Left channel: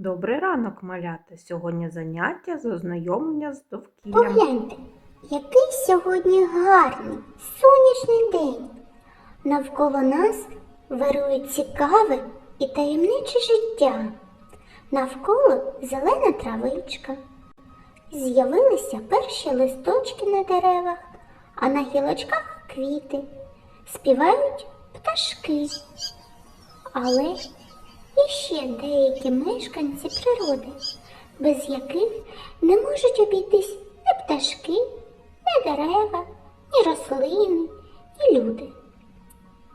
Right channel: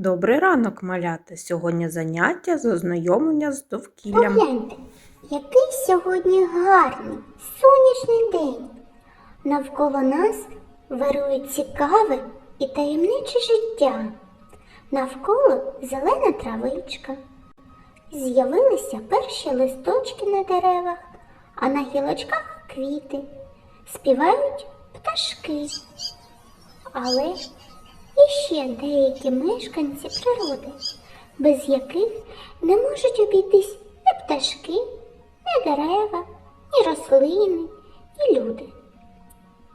Добрий ранок, малята! Сьогодні заняття з ознайомлення з довкіллям. Погляньте, який сьогодні гарний сонячний день. Навколо нас вирує цікаве і таємниче життя. Навколо зелена травичка. З'явилися перші листочки на деревах, а на гілочках квіти. Співають пташки. Але є ще деякі мешканці природи, без яких не можуть обійтись ні пташки, ні дерева, ні рослини, ні люди.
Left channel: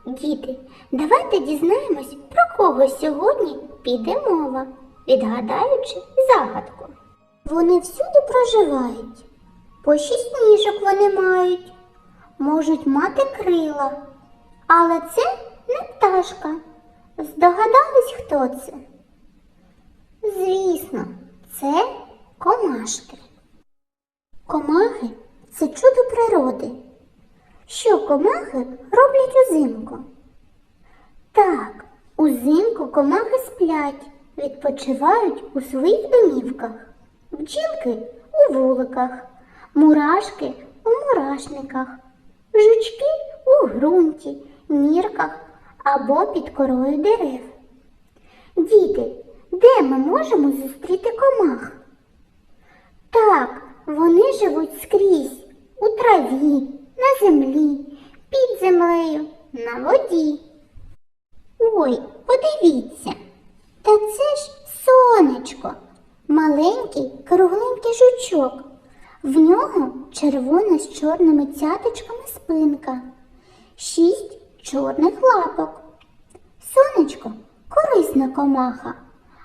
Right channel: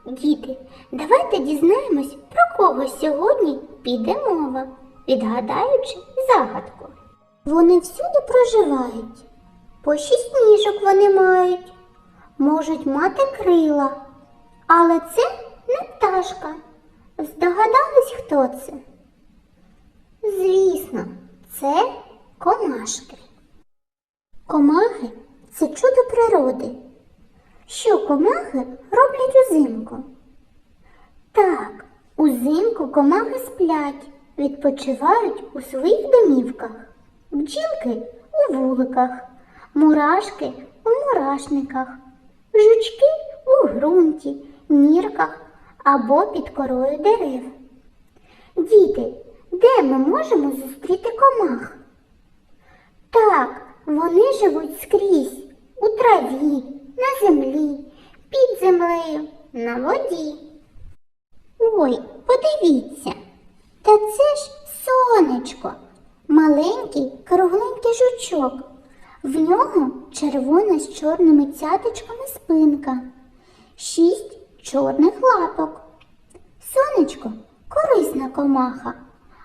Діти, давайте дізнаємось, про кого сьогодні піде мова, відгадаючи загадку. Вони всюди проживають, по шість ніжок вони мають, можуть мати крила, але це не пташка. Здогадались, хто це? Звісно, це комашки. Комахи це чудо природи. Що комахи роблять узимку? Так, узимку комахи сплять, відпочивають у своїх домівках, бджілки у вуликах, мурашки у мурашниках, жучки у ґрунті, нірках або під корою дерев. Діти, де ми можемо зустріти комах? Так, вони живуть скрізь у траві, на землі, під землею, на воді. Ой, подивіться, та це ж сонечко, маленький кругленький жучок. В нього червона з чорними цяточками спинка, шість чорних лапок. Сонечко корисна комаха,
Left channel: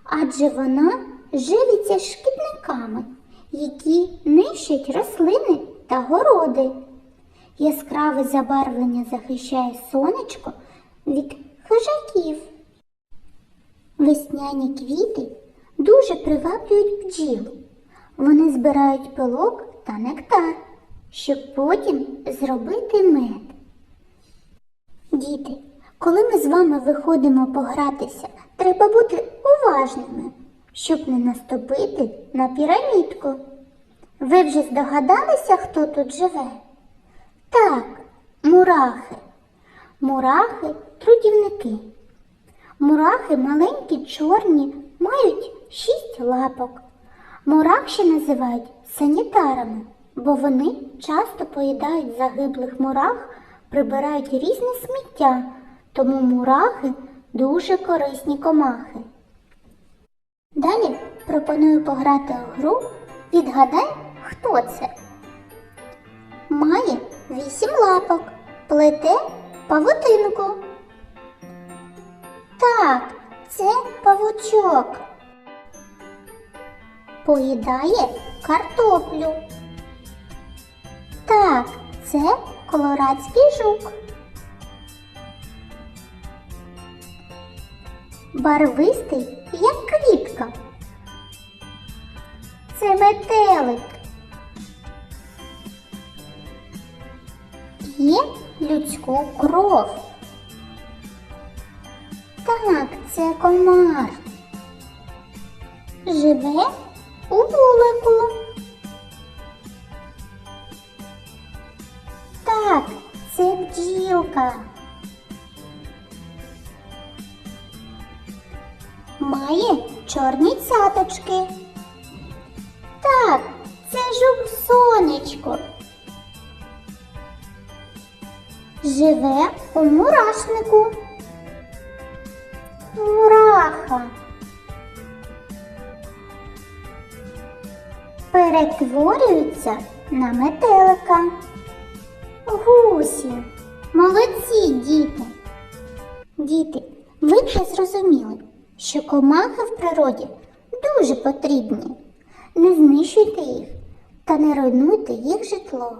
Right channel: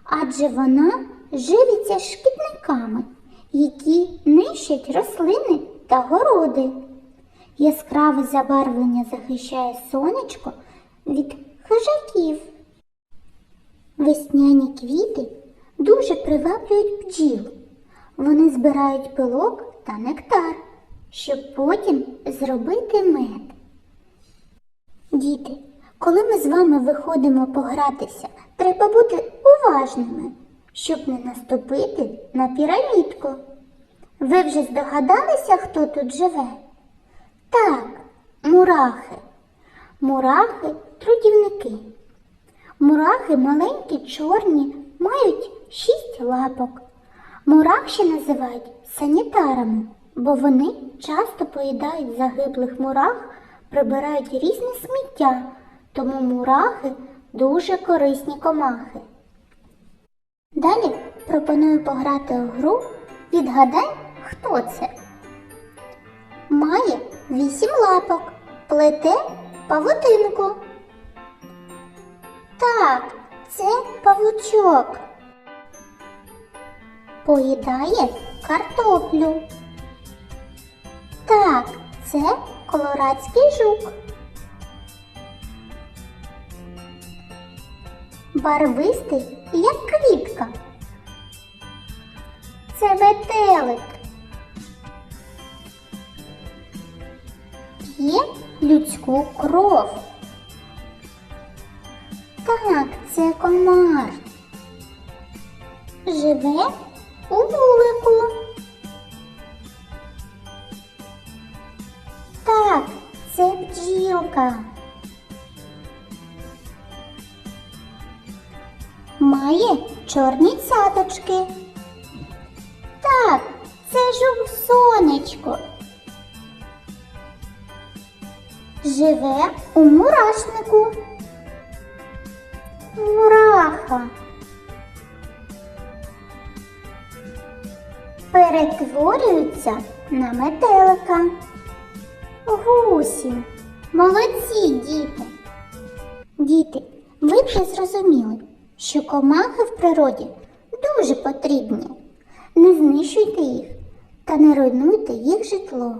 адже вона живиться шкідниками, які нищать рослини та городи. Яскраве забарвлення захищає сонечко від хижаків. Весняні квіти дуже приваблюють бджіл. Вони збирають пилок та нектар, щоб потім зробити мед. Діти, коли ми з вами виходимо погратися, треба бути уважними, щоб не наступити на пірамідку. Ви вже здогадалися, хто тут живе? Так, мурахи. Мурахи трудівники. Мурахи маленькі, чорні, мають шість лапок. Мурах ще називають санітарами, бо вони часто поїдають загиблих мурах, прибирають різне сміття, тому мурахи дуже корисні комахи. Далі пропоную пограти у гру Відгадай, хто це. Має вісім лапок, плете павутинку. Так, це павучок. Поїдає картоплю. Так, це колорадський жук. Барвистий, як квітка. Це метелик. П'є людську кров. Так, це комар. Живе у вулику. Бджілка. Має чорні цяточки. Так, це жук сонечко. Живе у мурашнику. Мураха. Перетворюється на метелика. Гусі. Молодці, діти. Діти, ви вже зрозуміли, що комахи в природі дуже потрібні. Не знищуйте їх та не руйнуйте їх житло.